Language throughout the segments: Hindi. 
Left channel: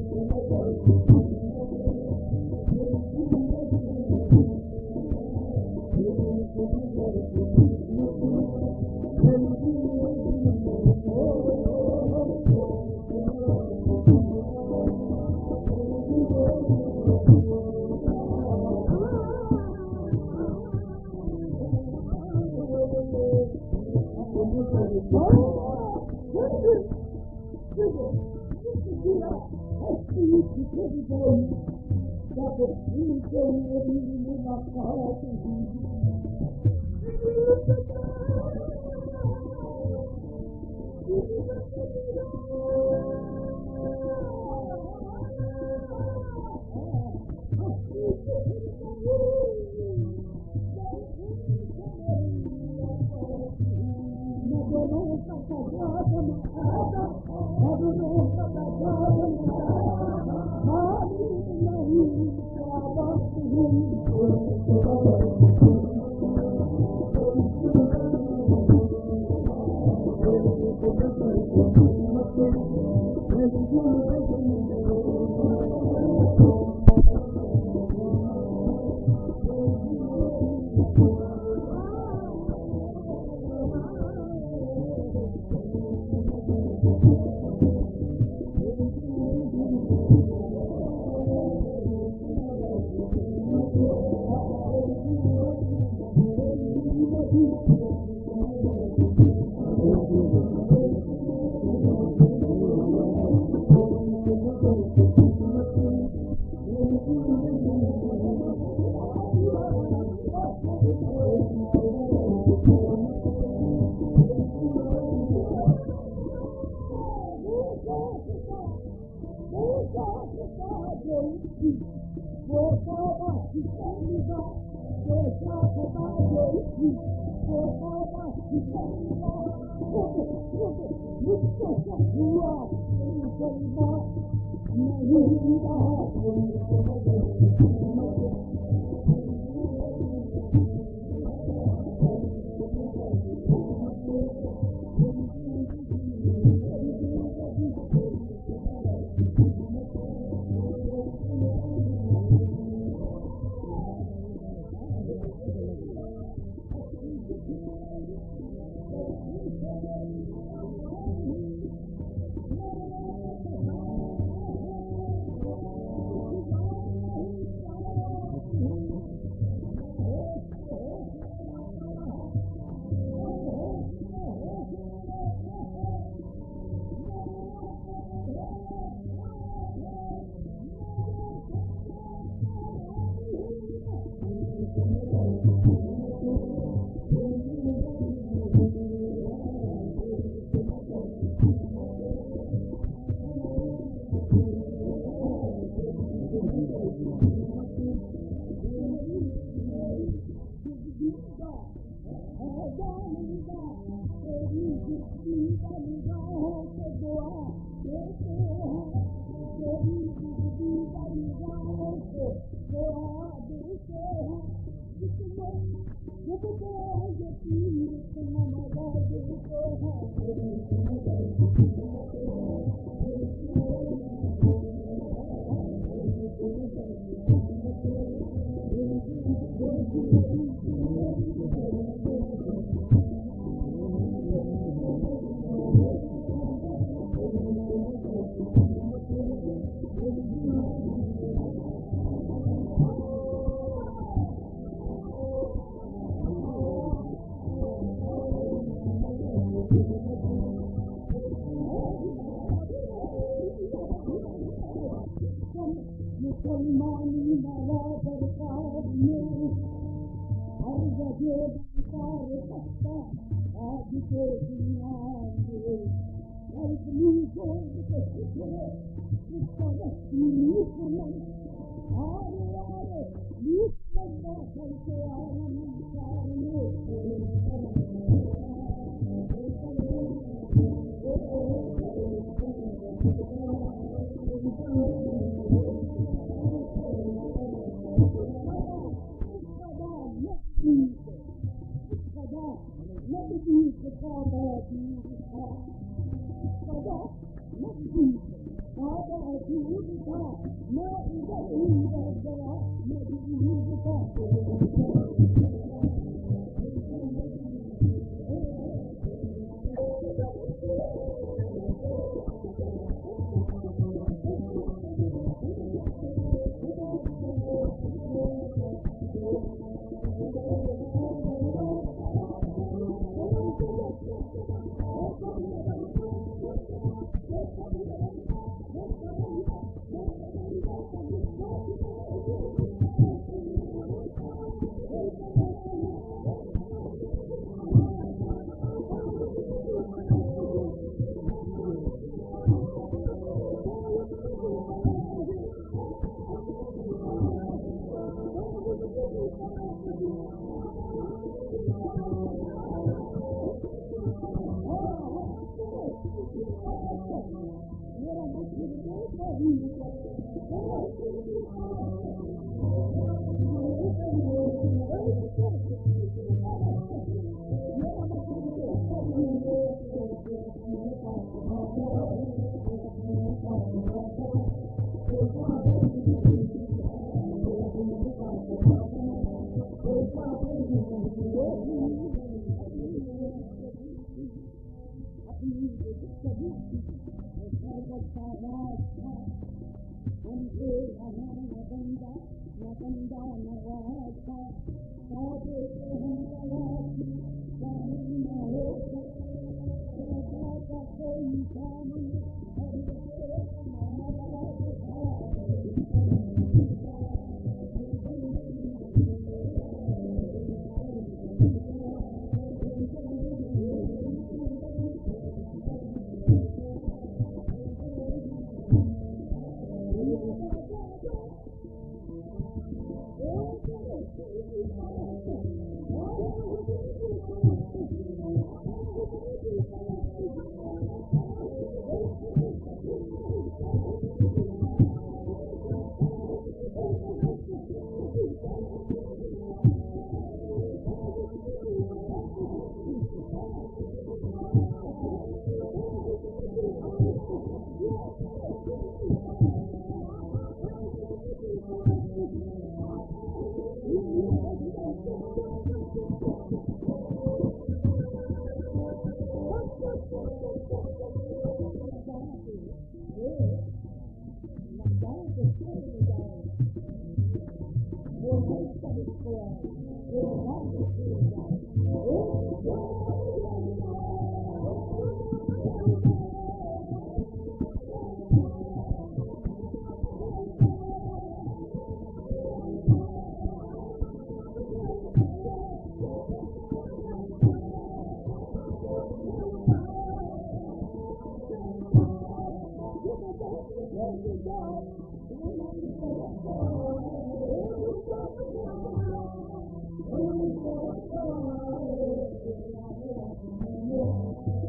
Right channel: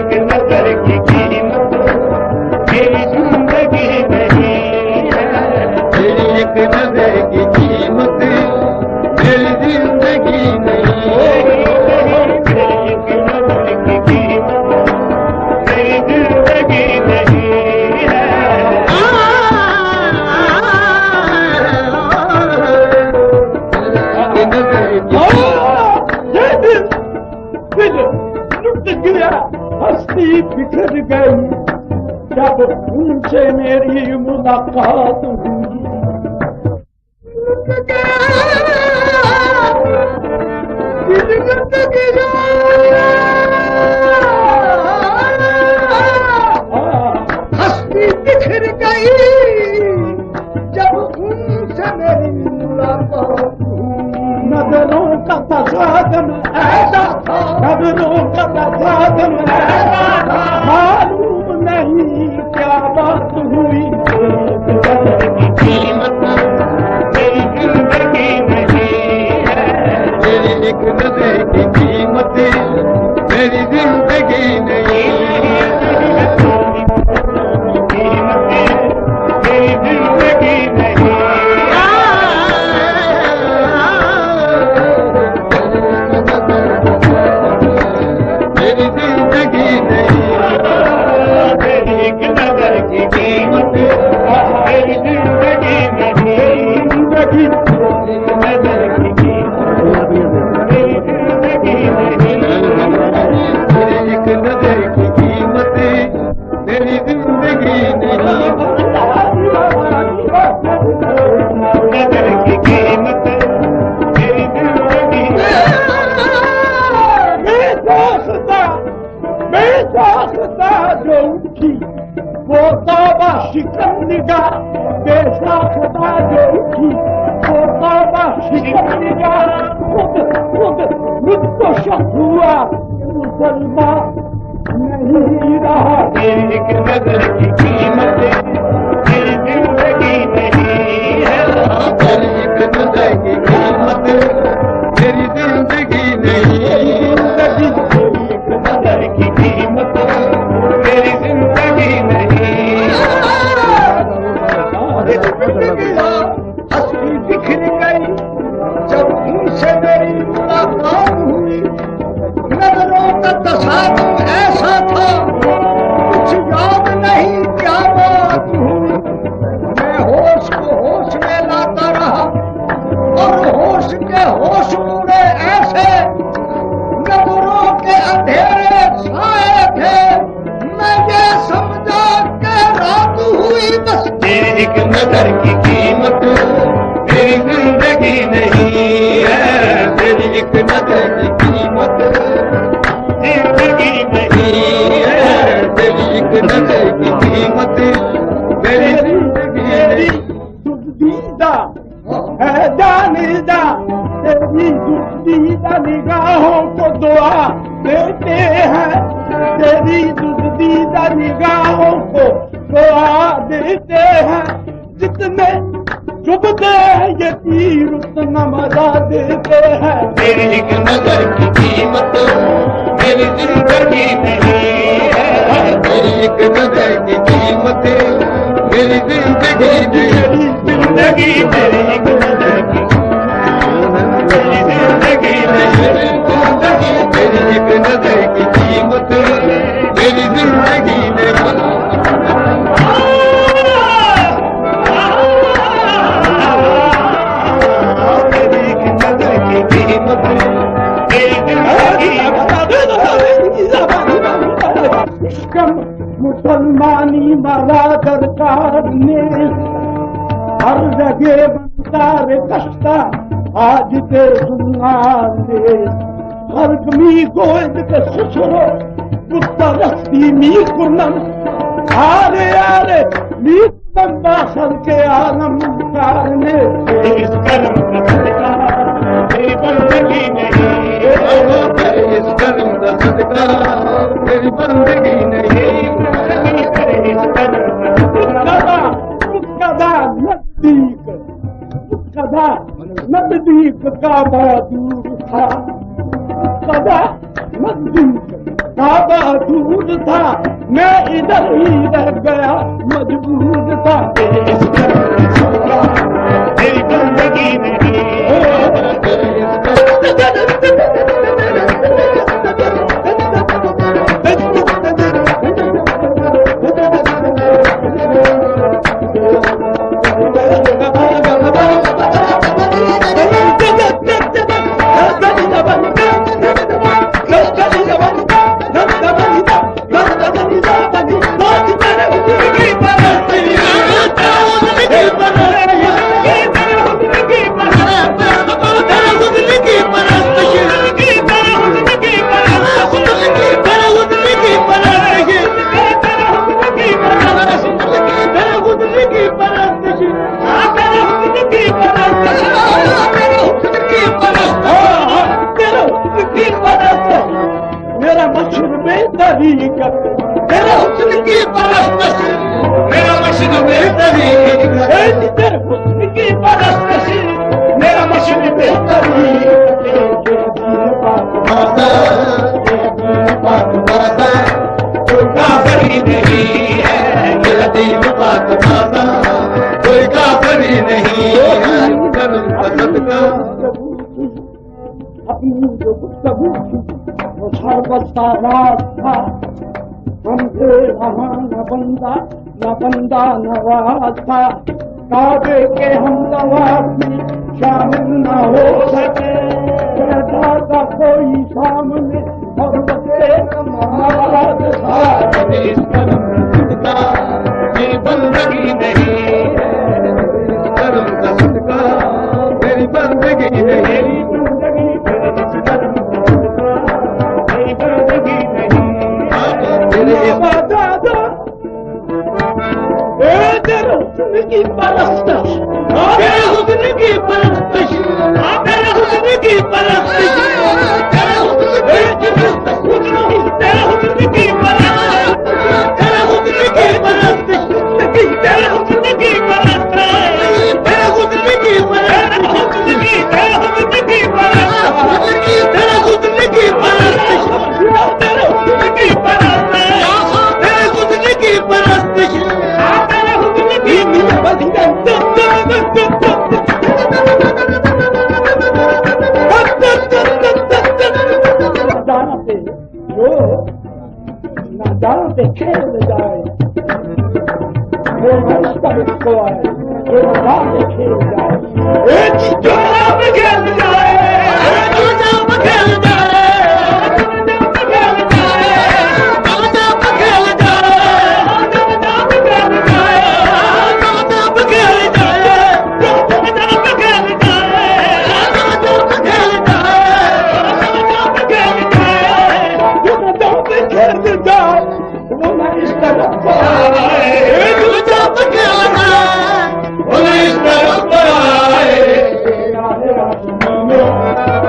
एक नजर की कीमत मेरी जिंदगी नहीं है। तेरी एक नजर की कीमत मेरी जिंदगी नहीं है। तेरी एक नजर की कीमत मेरी जिंदगी नहीं है। दिल लुट गया, हस्ती बिखर गई जब उनसे मेरी मुलाकात हुई। लुट गया, दिल लुट गया, हस्ती बिखर गई जब उनसे मेरी मुलाकात हुई। नजरों का तसादम ऐसा था, नजरों का तसादम ऐसा था, मालूम नहीं क्या बात हुई। कीमत मेरी जिंदगी नहीं है। तेरी एक नजर की कीमत मेरी जिंदगी नहीं है। मुसलमानी मरा सरकार ने हर जगह बंदार कश्ता आज ते सुनाने हर कमी गोद के खुसरो मुस्तरस्ती मी कुनम आरे आरे मी बंदा सर के आलम कारने इस कलम का सदका मेरी बंदगी नहीं इस कलम का सदका मेरी बंदगी नहीं नजदीक का बड़ा दूर था, सदा नजदीक काबा दूर था, मैं इधर ही रह गया, मजबूर था। तेरी बंदगी नहीं मेरा मशहूर बेहतरी कर, तेरा हुस्न की परस्ती, मेरा मशहूर बेहतरी तेरे हुस्न की परस्ती, मेरा मशहूर बेहतरी। कोई काफरी नहीं है, मेरा दीन पाक माता, कोई काफरी नहीं है, अपनी जो गुफ्तगू थी वो शरबत सा रात था। हमसे वहाँ न बंदा नवाज था। काबे के हम नवाज में शामिल न हो सके, बैठा था कोई सामने और बसे नमाज था। इस कदम का मेरी बंदगी नहीं है, इस कदम का सदका मेरी बंदगी नहीं, तेरे हुस्न की परस्तिश, तेरे हुस्न की परस्तिश, तेरे हुस्न की परस्तिश, तेरे हुस्न की परस्तिश, तेरे हुस्न की परस्तिश, तेरे हुस्न की परस्तिश, तेरे हुस्न की परस्तिश, तेरे हुस्न की परस्तिश, तेरे हुस्न की परस्तिश, तेरे हुस्न की परस्तिश, तेरे हुस्न की परस्तिश, पे खेल जाए, वो रास्ता इसको आए, वो रात खेल जाए, एक जोड़ा में खेल जाए, एक जोड़ा में खेल जाए, खेल जाए, जोड़ा में खेल जाए, जोड़ा में खेल जाए, जोड़ा में खेल जाए, जोड़ा में खेल जाए, जोड़ा में खेल जाए, वो मैं इस तरफ आए, जोड़ा में खेल जाए, वो मैं इस तरफ आए,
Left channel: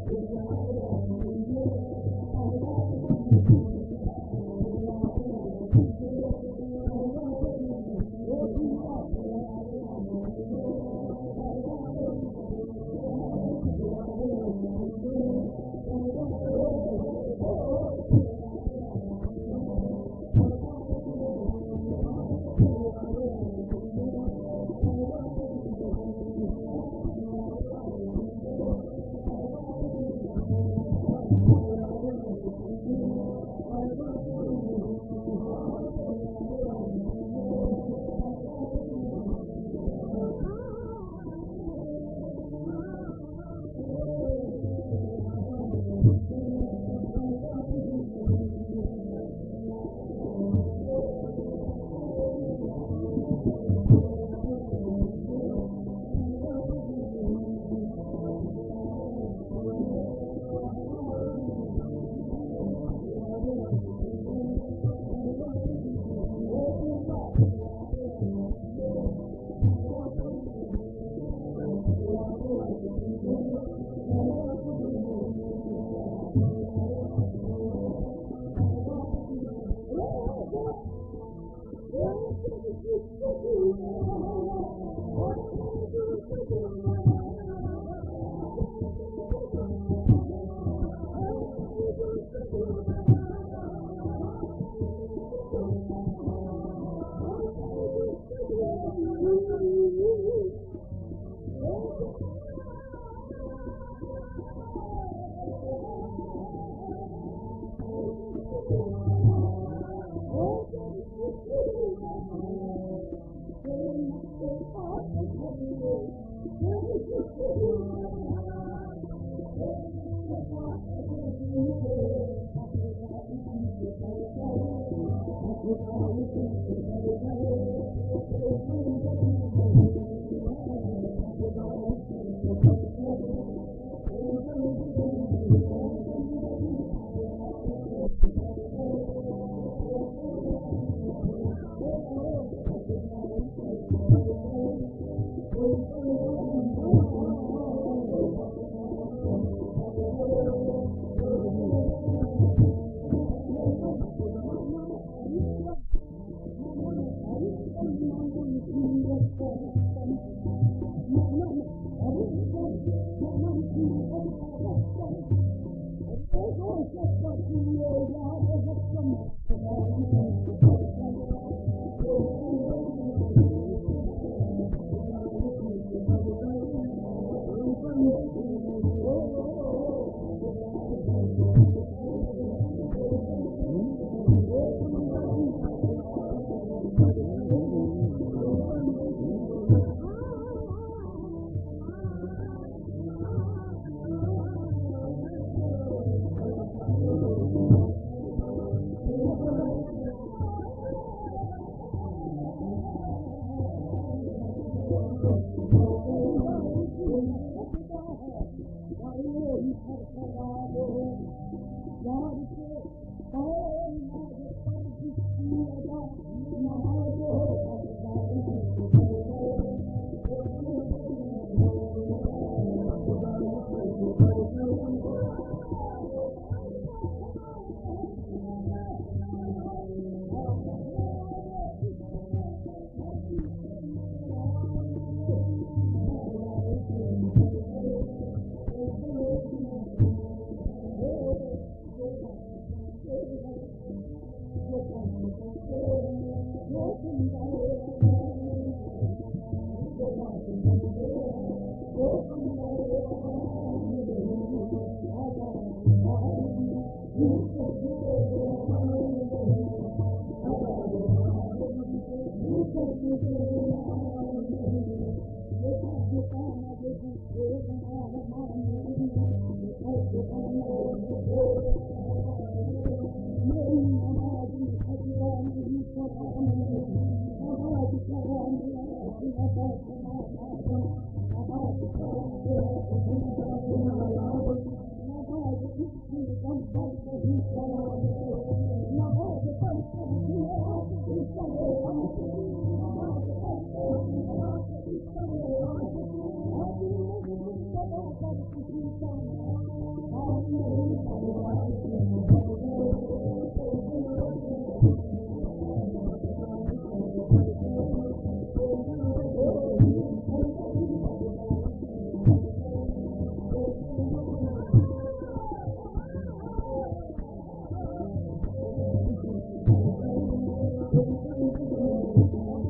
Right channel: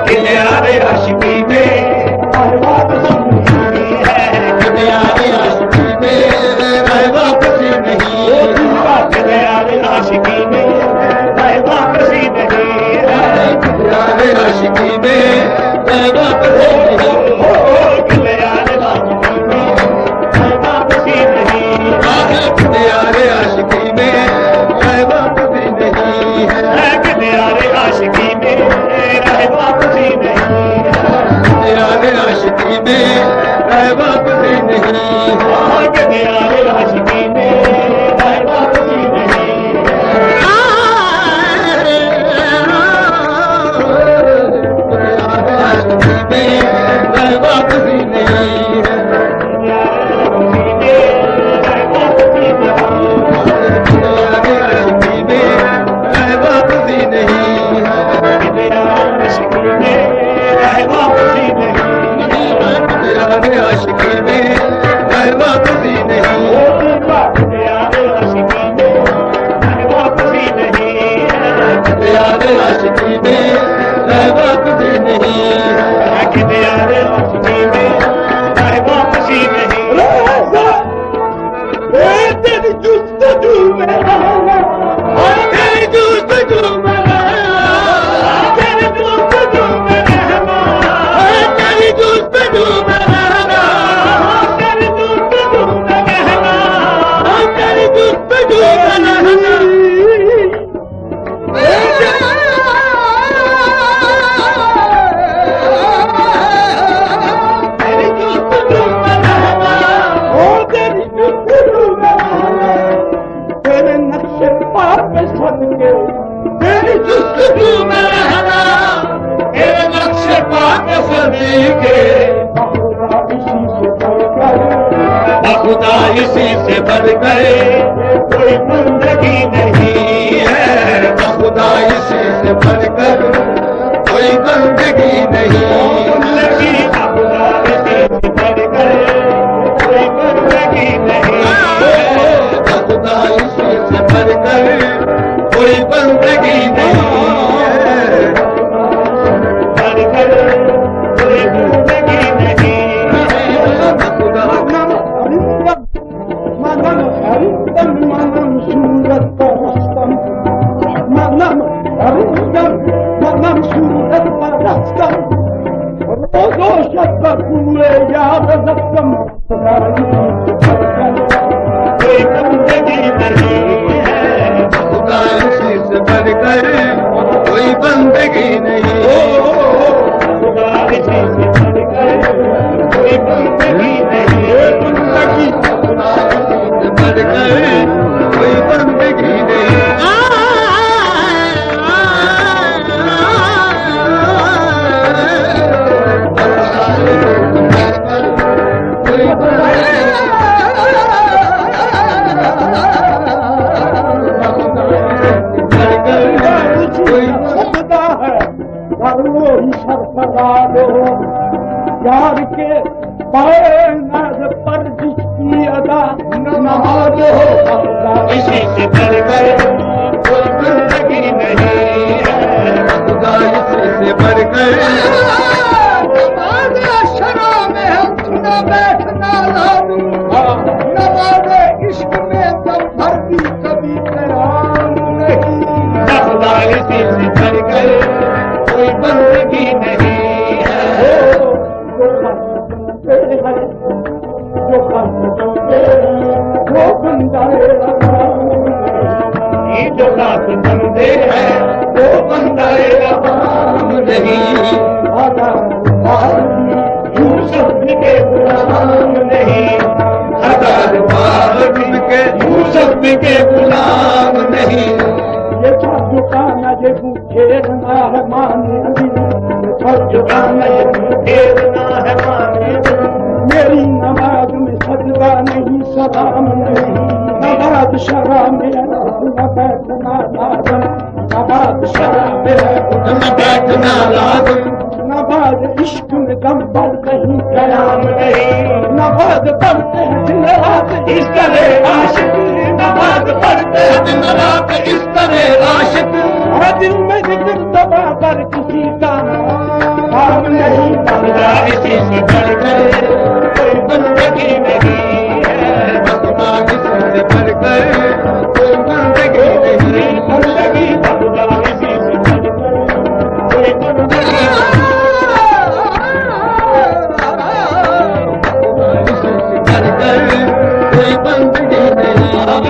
किनारे आशिकी में वापसी नहीं है, किनारे आशिकी में वापसी नहीं है, किनारे आशिकी में वापसी नहीं है, किनारे आशिकी में वापसी नहीं है, किनारे आशिकी में वापसी नहीं है, किनारे आशिकी में वापसी नहीं है, किनारे आशिकी में वापसी नहीं है, किनारे आशिकी में वापसी नहीं है, किनारे आशिकी में वापसी नहीं है, खुदा इसी से बढ़कर कोई बंदगी नहीं है, खुदा इसी से बढ़कर कोई बंदगी नहीं, बंदगी खुदा इसी से बढ़कर कोई बंदगी नहीं है, खुदा इसी से बढ़कर कोई बंदगी नहीं है, बढ़कर कोई बंदगी नहीं है, खुदा कोई बंदगी नहीं है, खुदा इसी से बढ़कर कोई बंदगी नहीं है, खुदा इसी से बढ़कर कोई बंदगी नहीं है, बंदगी खुदा इसी से बढ़कर कोई बंदगी नहीं है। यार के पैनाज पर जिसकी अदा नमाज हो, इसी से बढ़कर कोई बंदगी नहीं है, खुदा इसी से बढ़कर नमाज शरा में हम सुना बैठना लाजम, नमाज इश्क में तब भरती कभी कराम नहीं, खुदा इसी से बढ़कर कोई बंदगी नहीं है, वो बंदा ये जो खास बंदे हैं वो बंदा रवाम नहीं, यूसुफ के गुलाम नहीं, हजार बार के यूसुफ के गुलाम नहीं, ये झुकाना ये घेरना है माने झुकाना ये घेरना है माने, मेरी नमाज में सजदा नहीं सलाम नहीं, नमाज शरा में न बैठना लाजम, नमाज शरा में न बैठना लाजम, नमाज इश्क में दम पर नहीं कलाम नहीं, नमाज पढ़ते हैं दिन रात इस तरह आशिक, नमाज पढ़ते हैं दिन रात इस तरह आशिक, दिल में जिक्र दबा कर किसी का काम नहीं, खुदा इसी से बढ़कर कोई बंदगी नहीं है, खुदा इसी से बढ़कर कोई बंदगी नहीं, बंदगी खुदा इसी से बढ़कर कोई बंदगी नहीं, खुदा इसी से बढ़कर कोई बंदगी नहीं है,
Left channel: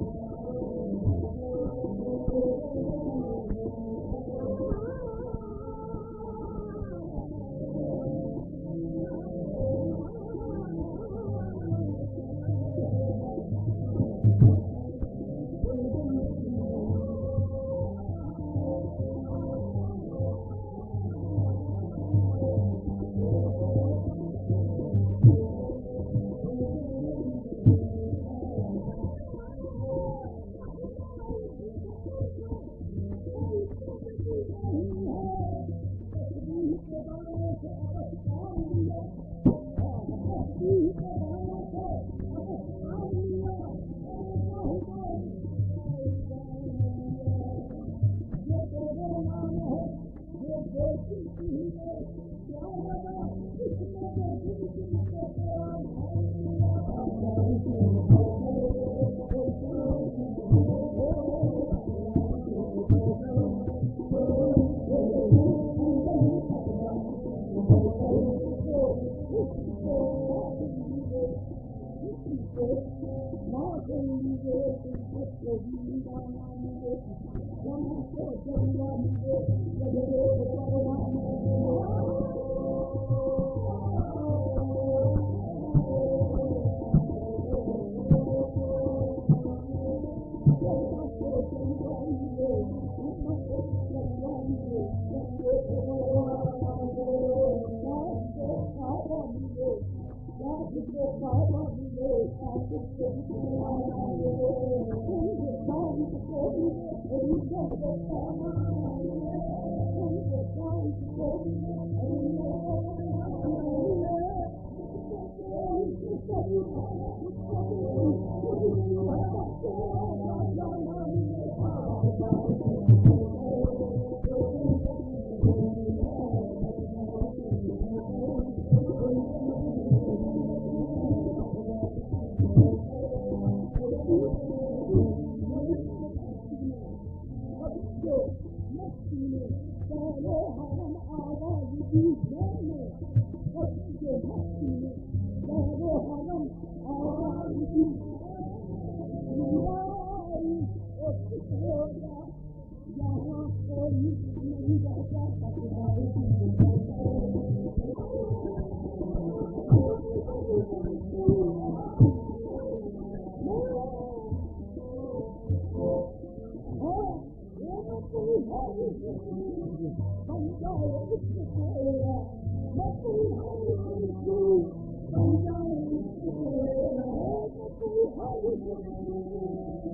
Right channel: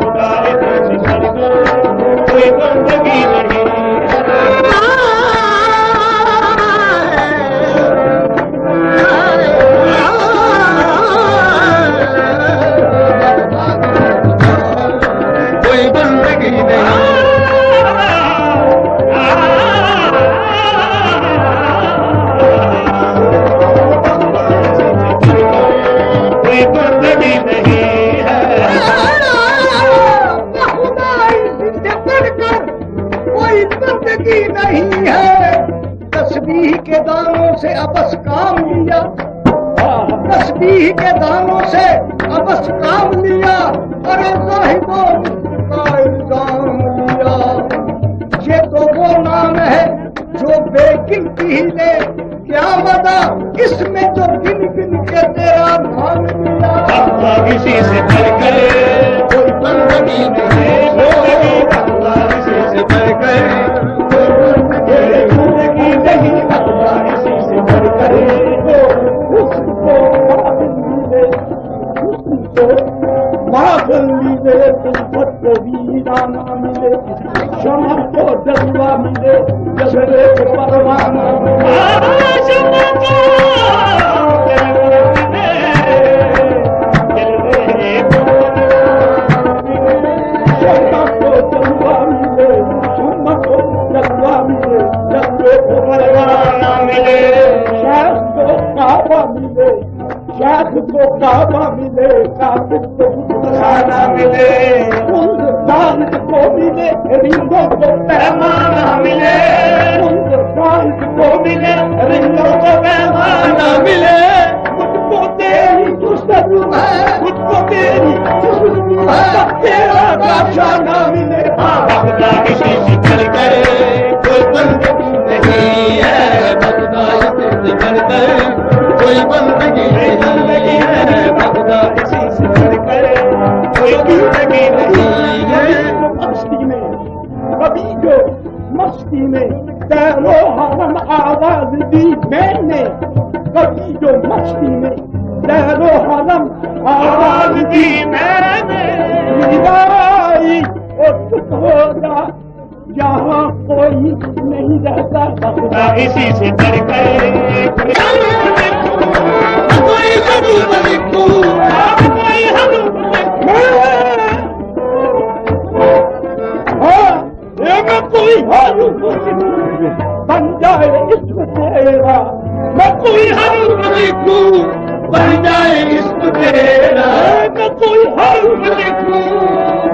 खुदा इसी से बढ़कर कोई बंदगी नहीं है। कोई बंदगी नहीं, कोई बंदगी नहीं है, खुदा इससे बढ़कर कोई बंदगी नहीं है, तस्बीह के दानों से अबस काम लिया, तस्बीह के दानों से अबस काम लिया, अरे जाहिदों का इल्जाम लिया, ये तो वो नाम है जो बेगिनती ही ले, क्या मदा इसमें जो गिन गिन के तेरा नाम लिया, खुदा इसी से बढ़कर कोई बंदगी नहीं, खुदा इसी से बढ़कर कोई बंदगी नहीं, खुदा इसी से बढ़कर उसको माफल मिले, तुमको को वीराना मिले, शमा को जलवा मिले, जबरे को परवाना शमा को जलवा मिले, शमा को जलवा मिले, जबरे को परवाना मिले, शायद को काबा मिले, शाख को काबा मिले, काबिल को खाना मिले, उन साल को मिले, रिंगों को पैमाना मिले, उन साल को मिले, रिंगों को पैमाना मिले, मुझको तेरी खुशबू है, मुझको तेरी खुशबू है, तेरा काशाना मिले, खुदा किसी से चलकर कोई बंदगी नहीं है, खुदा इसी से चलकर कोई बंदगी नहीं है, खुदा इसी से चलकर कोई बंदगी नहीं है। मस्ती में कभी जो मस्ती में तैरो हरम आवाज दी मैंने, कभी जो मस्ती में तैरो हरम आवाज दी मैंने, मिलाई और चुप हो जा, यहाँ कोई नहीं रहता, खुदा इसी से चलकर कोई हरूफ लिखूं, कोई हरूफ मैं कोई हरूफ बन जाए इश्क तेरा, मैं कोई हरूफ लिखूं बन जाए इश्क तेरा, मैं कोई हरूफ लिखूं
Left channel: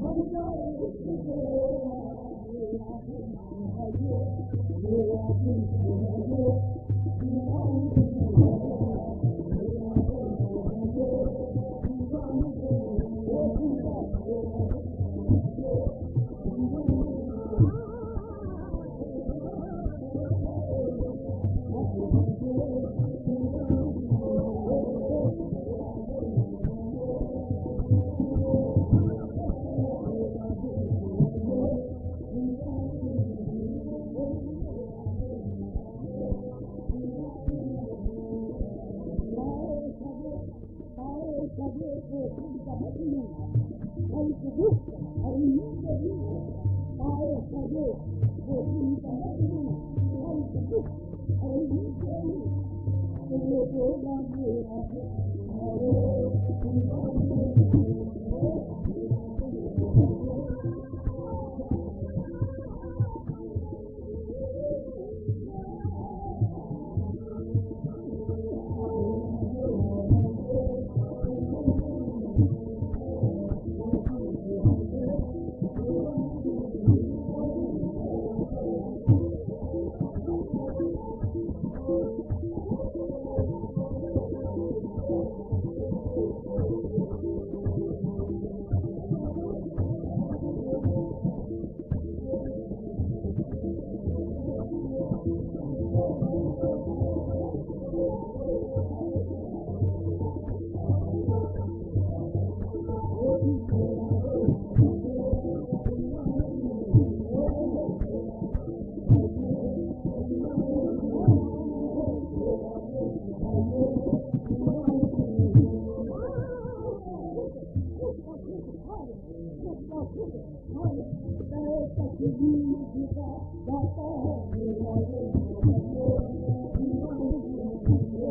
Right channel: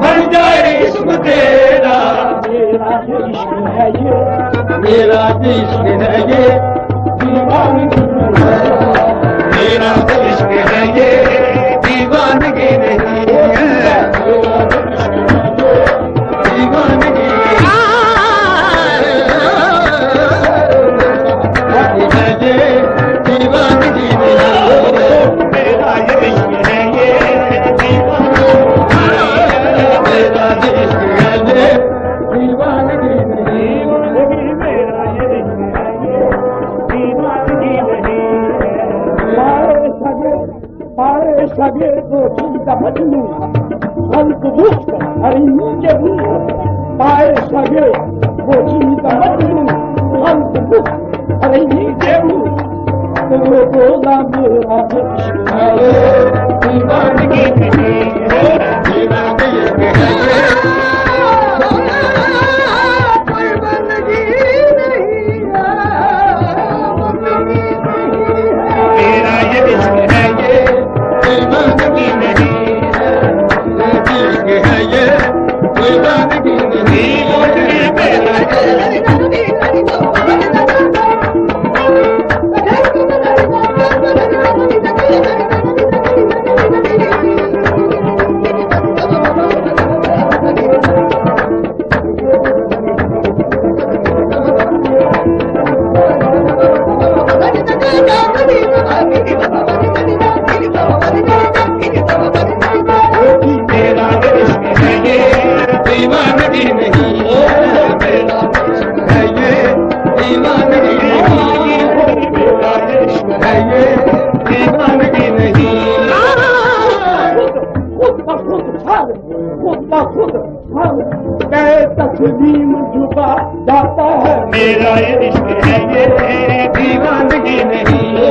बन जाए इश्क तेरा, मेरा जो इश्क है ये, मेरा जो इश्क है ये दीवानगी है, मेरा जो इश्क है ये दीवानगी नहीं है, दीवानगी सगे को चीता मजनू हल्क दुष्ट हरिणी के रूप, पाए सगे वो चीता मजनू हल्क दुष्ट हरिणी के रूप, तो बोला मेरा इश्क है दीवानगी नहीं है, दीवानगी है कोई बंदगी नहीं है, मेरा ये इश्क है ये दीवानगी नहीं है, इश्क है ये दीवानगी नहीं है, मेरा तस्लीम झुका जाता है, मेरा ये इश्क है ये दीवानगी नहीं है,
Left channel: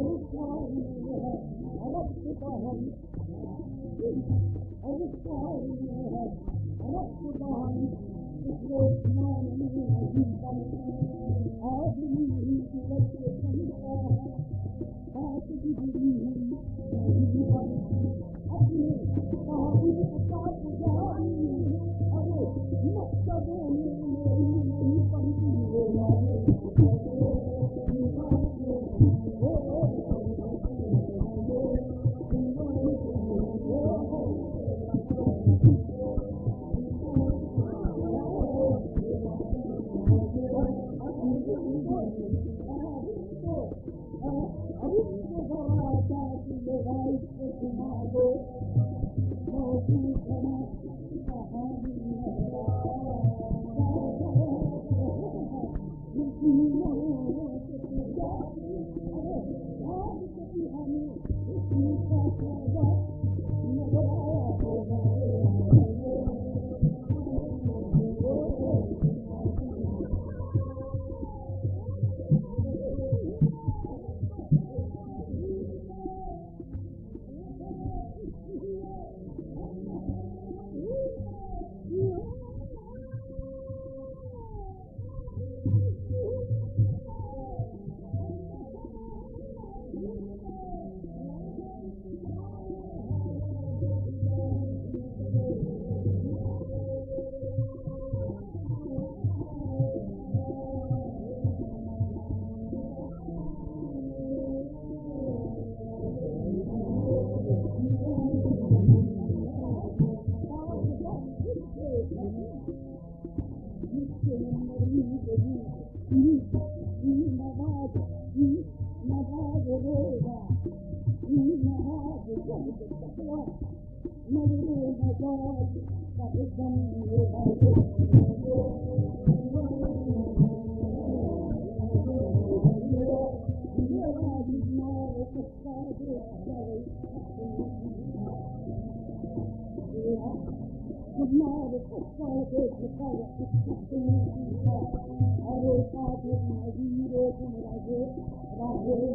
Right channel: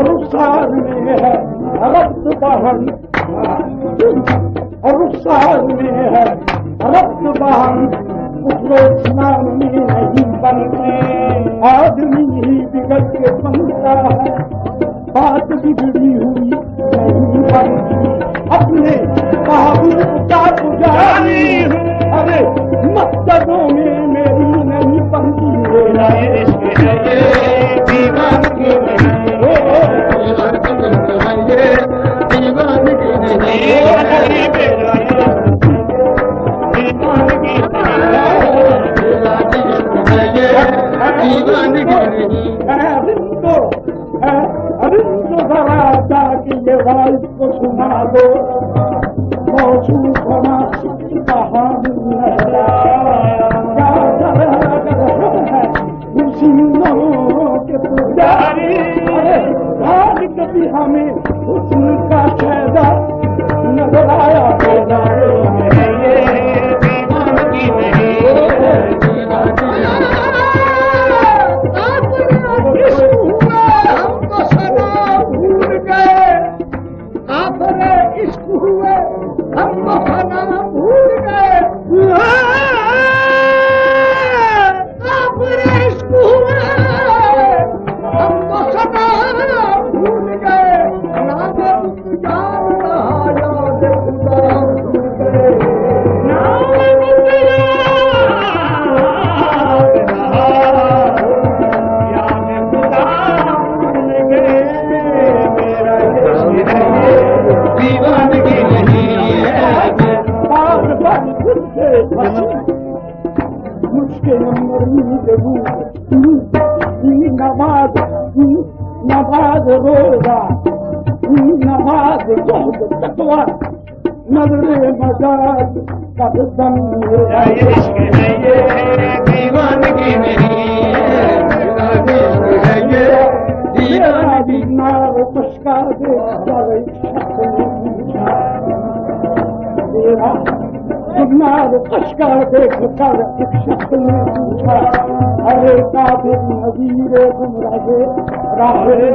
रुखसार में है रक्त बहन, और रुखसार में है रक्त बहन, स्नान में नहीं बनते, आदमी ही बिगड़ के बनता है, बात बिगड़ी हुई नहीं बनती, अपने महबूब का पुजारी हूँ, अरे मस्जिदों में मेरी नहीं बनती, मेरा इश्क है ये दीवानगी नहीं है, दीवानगी नहीं है, मेरा को सुना दो, मौजूद होना कहानी है, के पुजारी, अरे कभी हमें उनका शहदा नजर आया, दीवानगी नहीं है बार बार खुद से मुझके नंबर देबू नमाज रोजा नमाज जोहद तकवा नजर मजाज कदम ये इश्क है ये दीवानगी नहीं है ये दीवानगी नार पशका दे तेरा नार पशका देख कर एक शख्स ने पूछा अरे काबिल नज़ीर गुमराहे राहे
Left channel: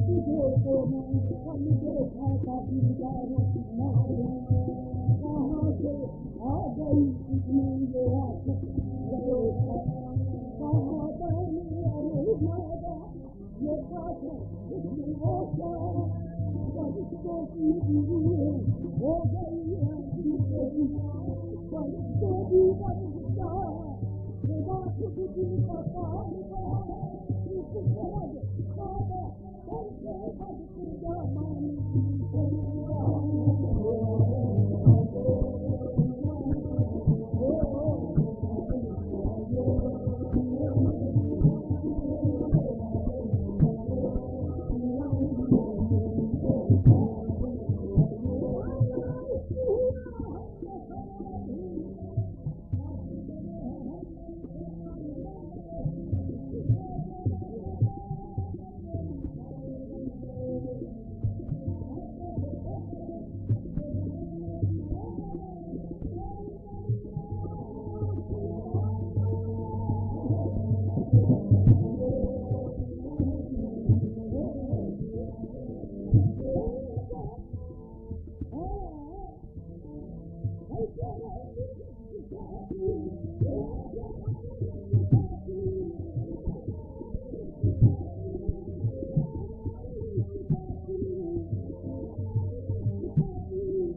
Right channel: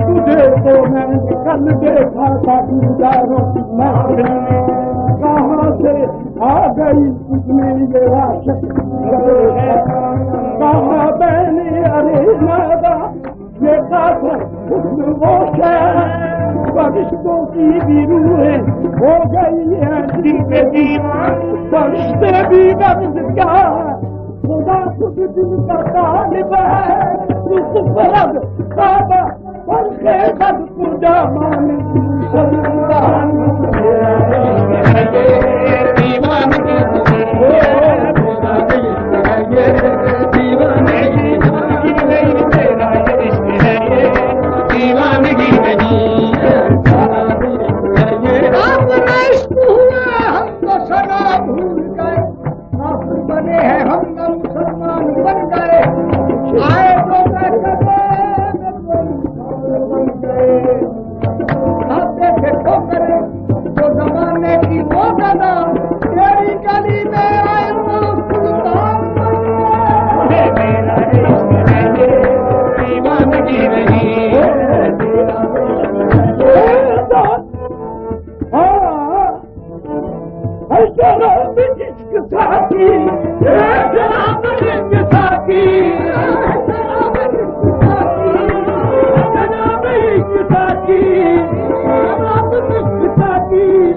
तुझे तो मैंने कल देखा था दीदारों की महफिल में कहाँ से आ गई तुझमें ये वाशक कहाँ मैंने अरे नादा ये काफर हुस्न वो शहर फरिश्तों की भी रूहें हो गई है दिल पे दीवान फरिश्ते भी गर्ज क्या खुदा खुद दिल का तालिब है उस फरद काबा पर खेबत पूजा मान सल्लान दीवानगी नहीं तेरा ये इश्क है ये दीवानगी नहीं अपना इश्क हुआ हम तो सदा भूल गए काफिर बने हैं हम तो मुसलमान बन गए आए तो बन गए आप देखे ठोकरे जो जमाने की वो गदा तेरी गली में आए वो सुल्तान मेरा इश्क है ये दीवानगी नहीं शराब इश्क साथी शराब इश्क साथी शराब इश्क साथी शराब इश्क साथी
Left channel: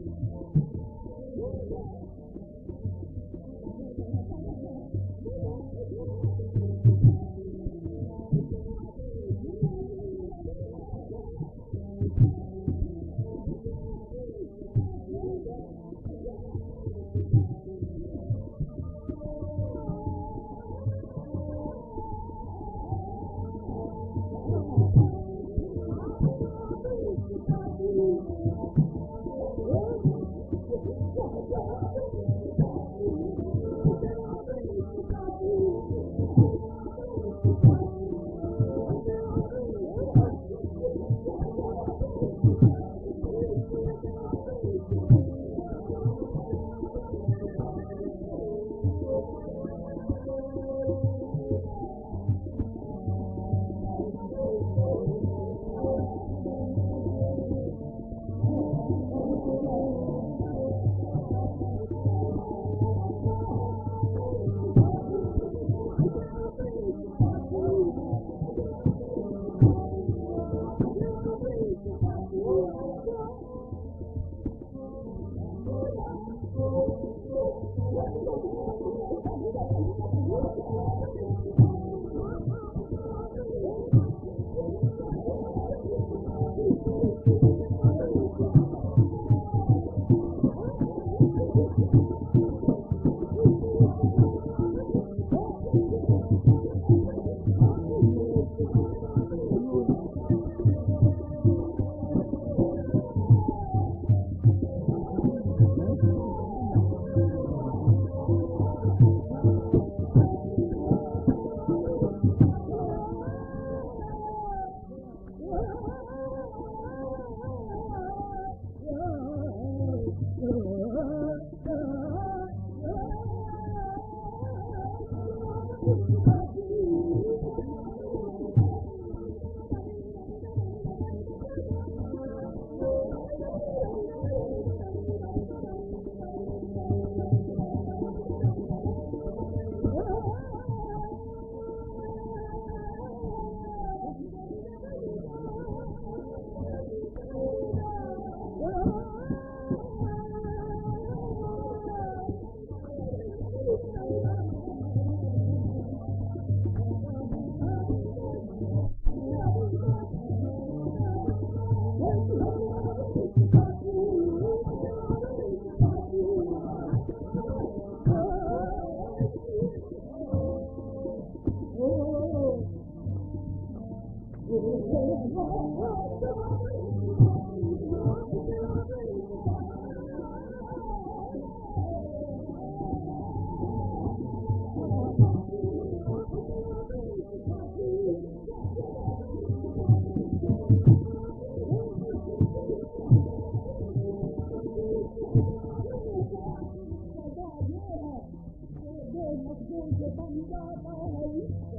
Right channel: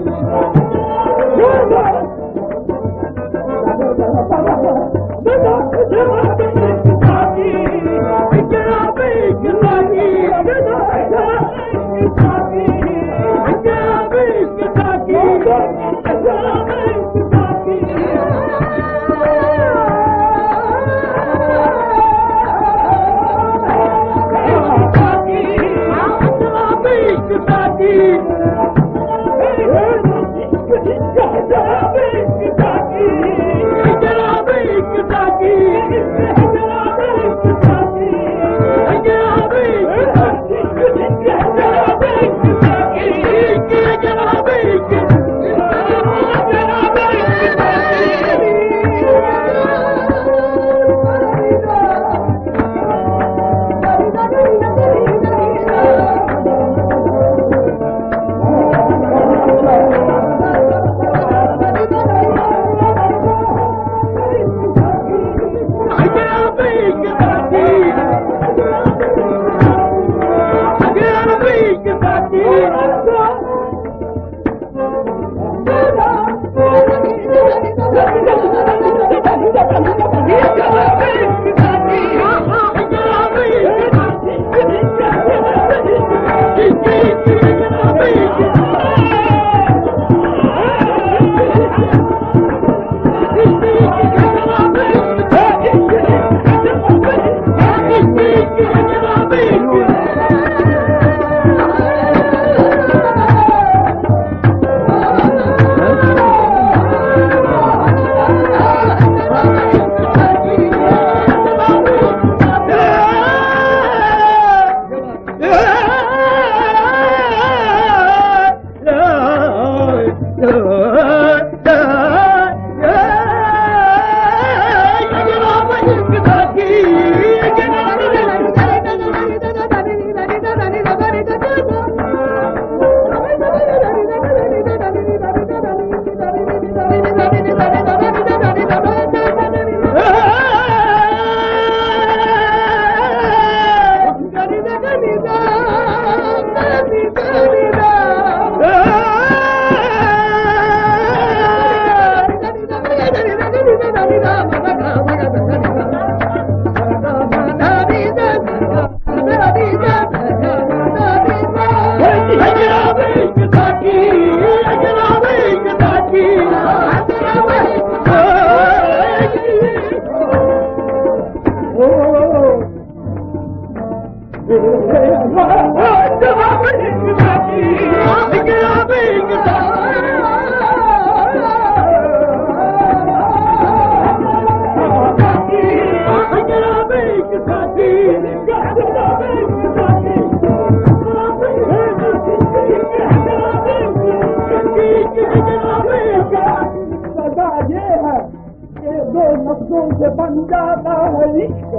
ये नफ्सों से बन जाता है इश्क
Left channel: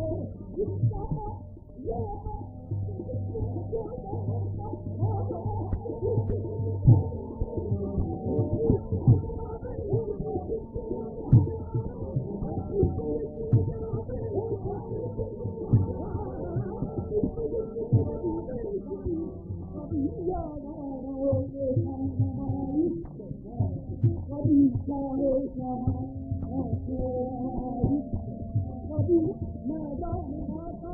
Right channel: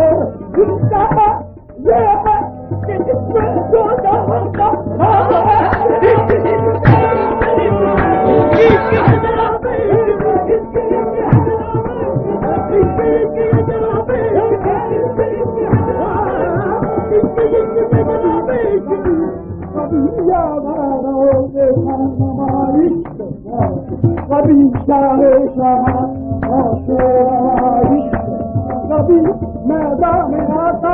और जिसका ये है कि जिसमें जो जहां का कभी शाहे शाह कभी मैदान में आता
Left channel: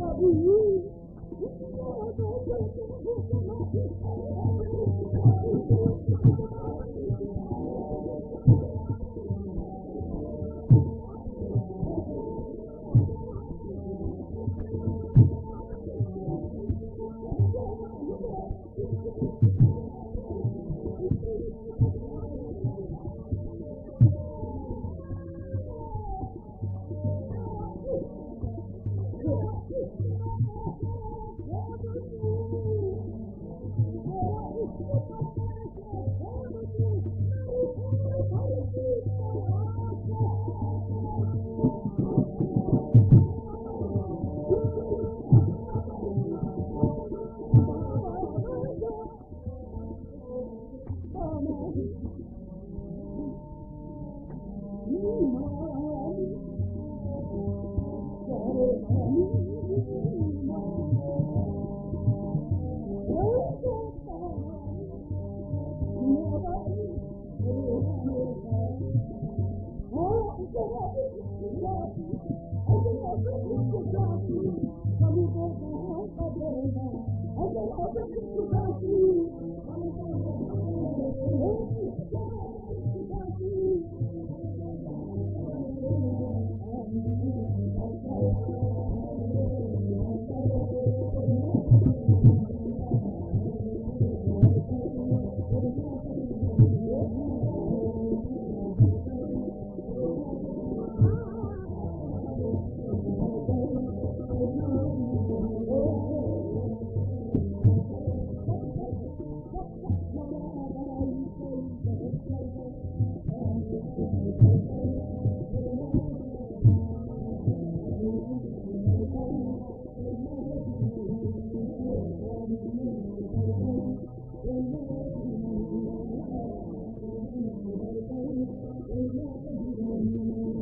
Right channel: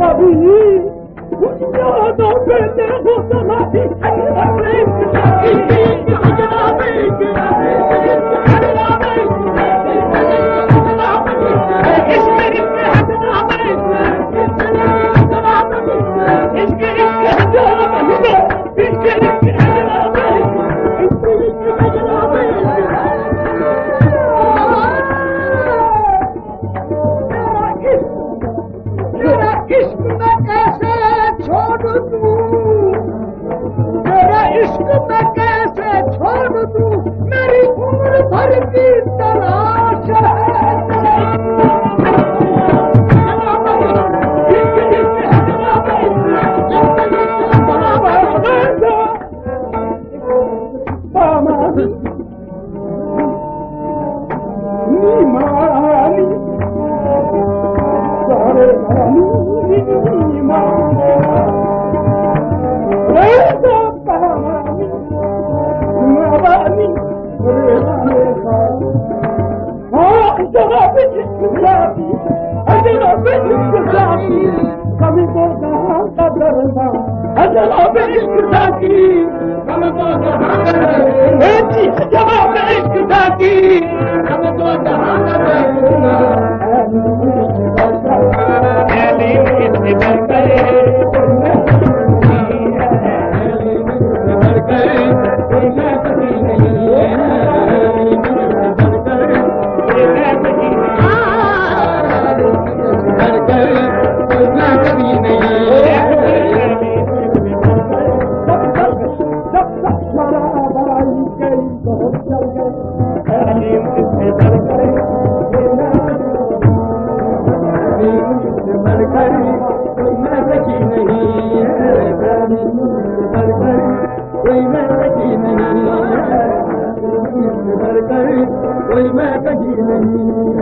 कभी यादों पे देखो समाधि कोई मैं कहीं नहीं